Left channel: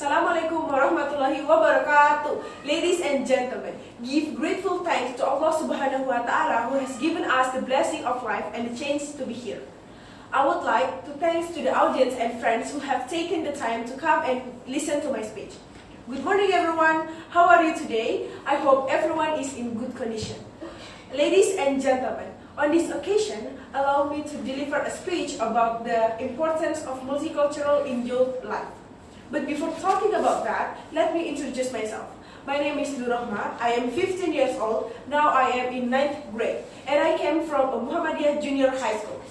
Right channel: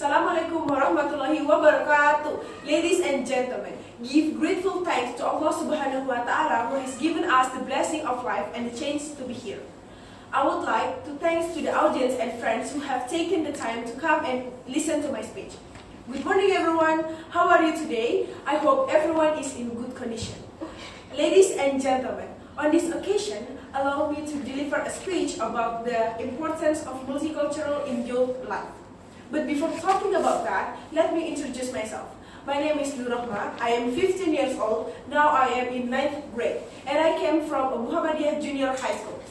Assalamualaikum warahmatullahi wabarakatuh. Ladies and gentlemen, give grateful thanks to Allah Subhanahu wa Ta'ala who has given us the blessing of life and the chance to be here. I would like to thanks to the audience and friends who have taken the time to come and listen to my speech. Good morning everyone, how are you today? I hope everyone is in good condition. Ladies and gentlemen, on this occasion, allow me to deliver a speech about the importance of multicultural in youth life. But before talking about that, let me introduce myself. My name is Nurrahma. I am 15 years old. Now I am in 9th grade, and I came from a Muhammadiyah Junior High School.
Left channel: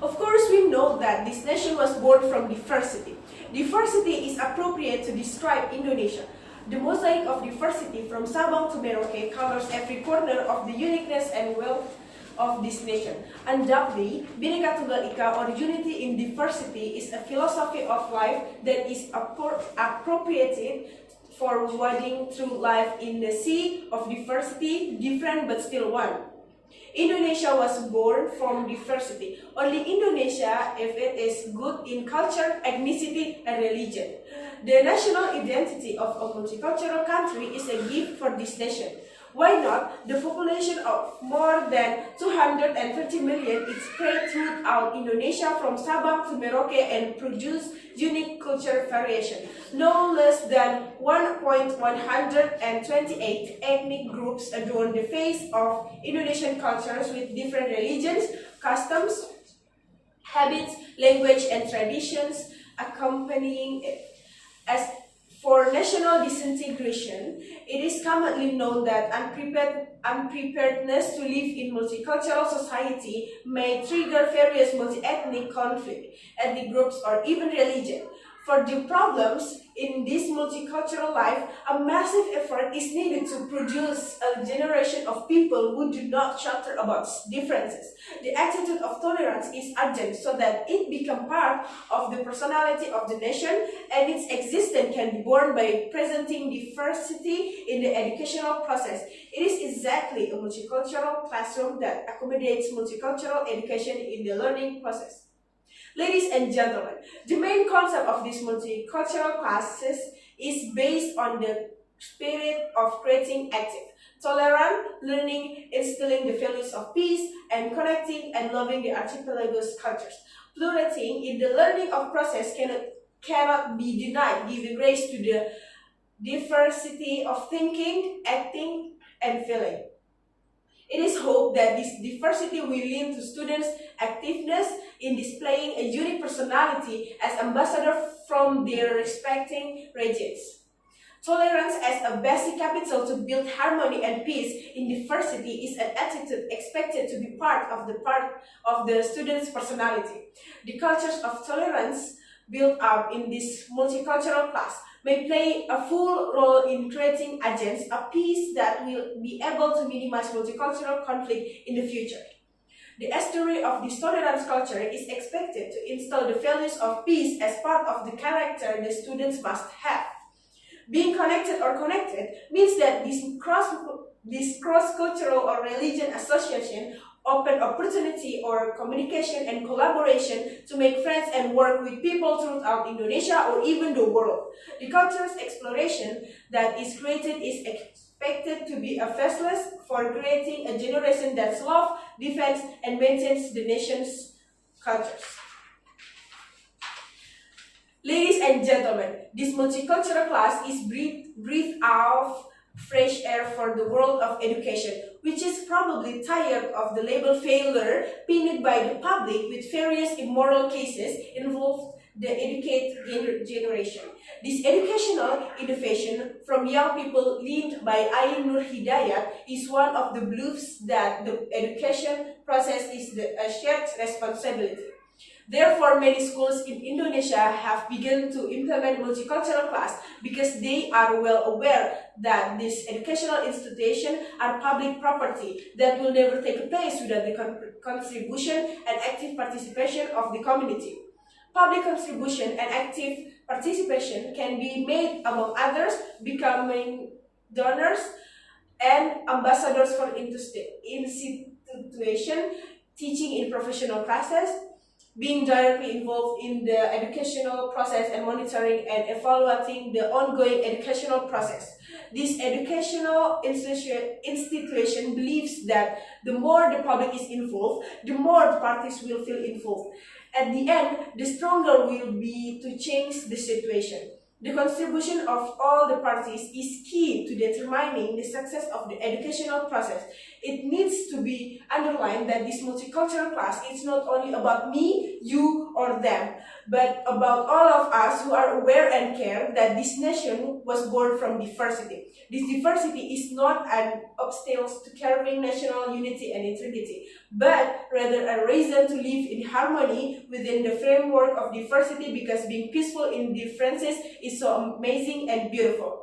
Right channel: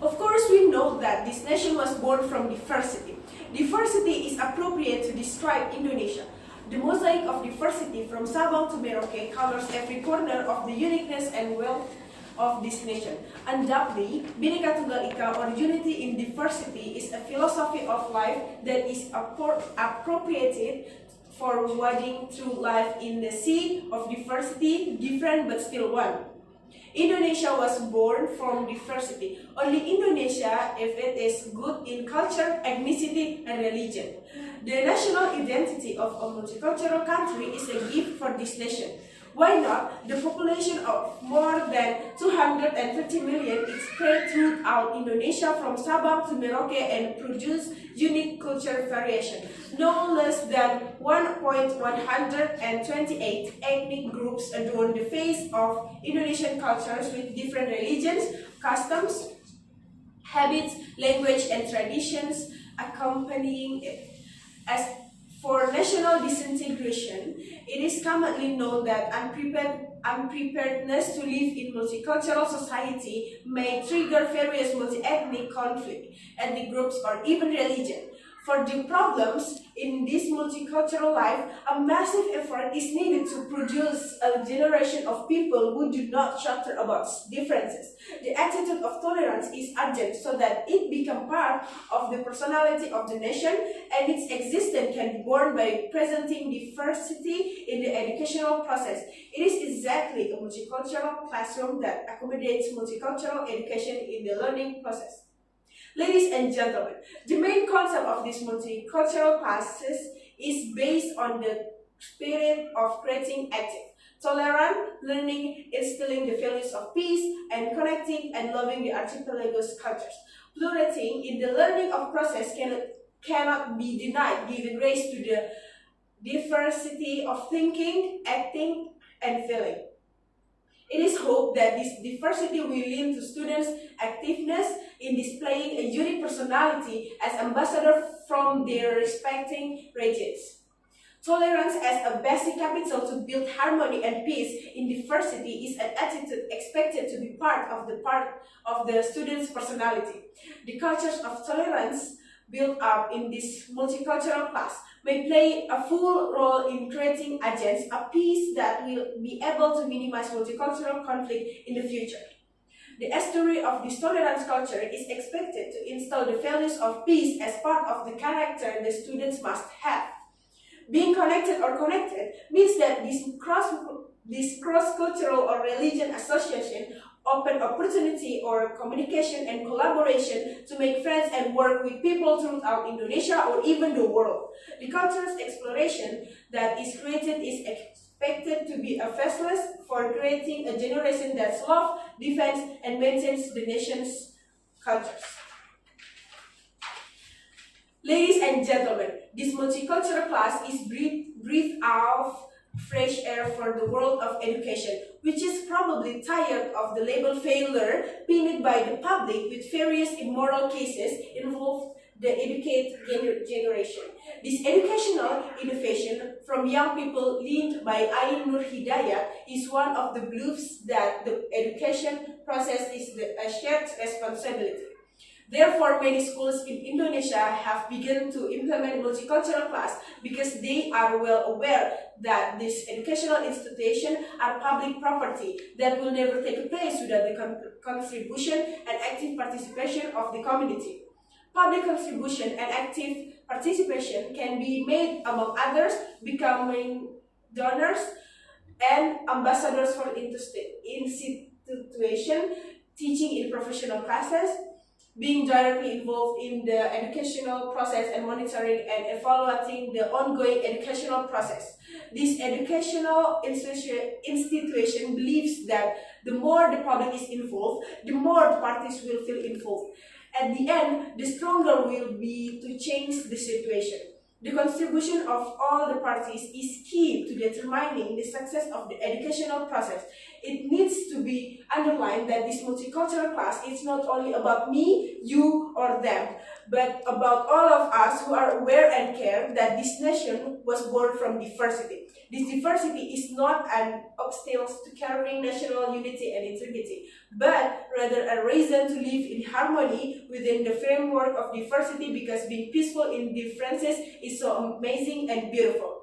Of course, we know that this nation was born from diversity. Diversity is appropriate to describe Indonesia. The mosaic of diversity from Sabang to Merauke colors every corner of the uniqueness and wealth of this nation. Undoubtedly, Bhinneka Tunggal Ika, or unity in diversity, is a philosophy of life that is appropriated for wading through life in the sea of diversity, different but still one. Indonesia was born from diversity. Only Indonesia if it is good in culture, ethnicity, and religion. The national identity of a multicultural country is a gift for this nation. Why not? The population of more than 230 million is spread throughout Indonesia from Sabang to Merauke and produce unique culture variation. No less than 1,128 ethnic groups adorn the face of Indonesian cultures with different religions, customs, habits, language, and traditions accompanying it. As for national disintegration, it is commonly known that unpreparedness to live in multicultural society may trigger various multi-ethnic conflict, ethnic groups, or even religion. For the problems in this multicultural life, a massive effort is needed to produce a generation of people who do not chatter about differences. The attitude of tolerance is urgent so that it become part of the personality of the nation, and its existence can be born by presenting diversity in the educational process. It is exactly a multicultural classroom that accommodates multicultural education in the learning process. Ladies and gentlemen, the main concept of these multicultural classes is based on the spirit of creating active, tolerant learning, instilling the values of peace, and connecting and loving the archipelago's cultures. Plurality in the learning of process cannot be denied, giving grace to the diversity of thinking, acting, and feeling. It is hoped that this diversity will lead to students' activeness in displaying a unique personality as ambassadors from their respective regions. Tolerance as a basic capital to build harmony and peace in diversity is an attitude expected to be part of the student's personality. The cultures of tolerance built up in this multicultural class may play a full role in creating agents of peace that will be able to minimize multicultural conflict in the future. The story of this tolerance culture is expected to instill the values of peace as part of the character the students must have. Being connected or connected means that this cross-cultural or religion association open opportunity or communication and collaboration to make friends and work with people throughout Indonesia or even the world. The culture's exploration that is created is expected to be a vessel for creating a generation that loves, defends, and maintains the nation's cultures. Ladies and gentlemen, this multicultural class is breathe out fresh air for the world of education, which is probably tired of the label failure pinned by the public with various immoral cases involved the educated generation. This educational innovation from young people led by Ain Nur Hidayat is one of the beliefs that the education process is a shared responsibility. Therefore, many schools in Indonesia have begun to implement multicultural class because they are well aware that these educational institutions are public property that will never take place without the contribution and active participation of the community. Public contribution and active participation can be made, among others, becoming donors and ambassadors for institution, teaching in professional classes, being directly involved in the educational process and monitoring and evaluating the ongoing educational process. This educational institution believes that the more the public is involved, the more the parties will feel involved. At the end, the stronger will be to change the situation. The contribution of all the parties is key to determining the success of the educational process. It needs to be underlined that this multicultural class is not only about me, you, or them, but about all of us who are aware and care that this nation was born from diversity. This diversity is not an obstacle to carrying national unity and integrity, but rather a reason to live in harmony within the framework of diversity, because being peaceful in differences is so amazing and beautiful.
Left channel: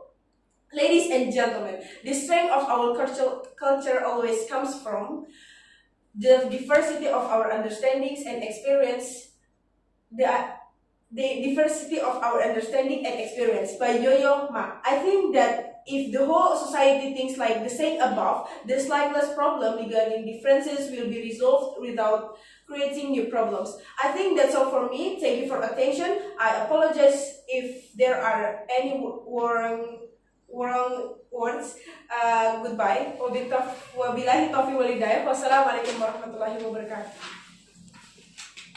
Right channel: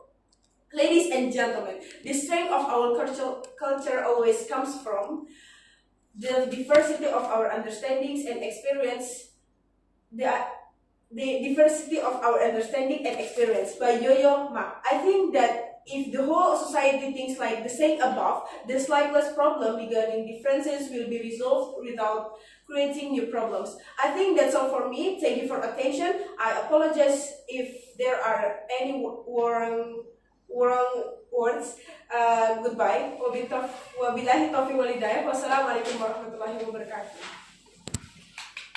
Ladies and gentlemen, the strength of our culture always comes from the diversity of our understandings and experience, the diversity of our understanding and experience by Yo-Yo Ma. I think that if the whole society thinks like the saying above, the slightless problem regarding differences will be resolved without creating new problems. I think that's all for me. Thank you for attention. I apologize if there are any wrong words. Goodbye. Wabillahi taufiq walhidayah. Wassalamualaikum warahmatullahi wabarakatuh.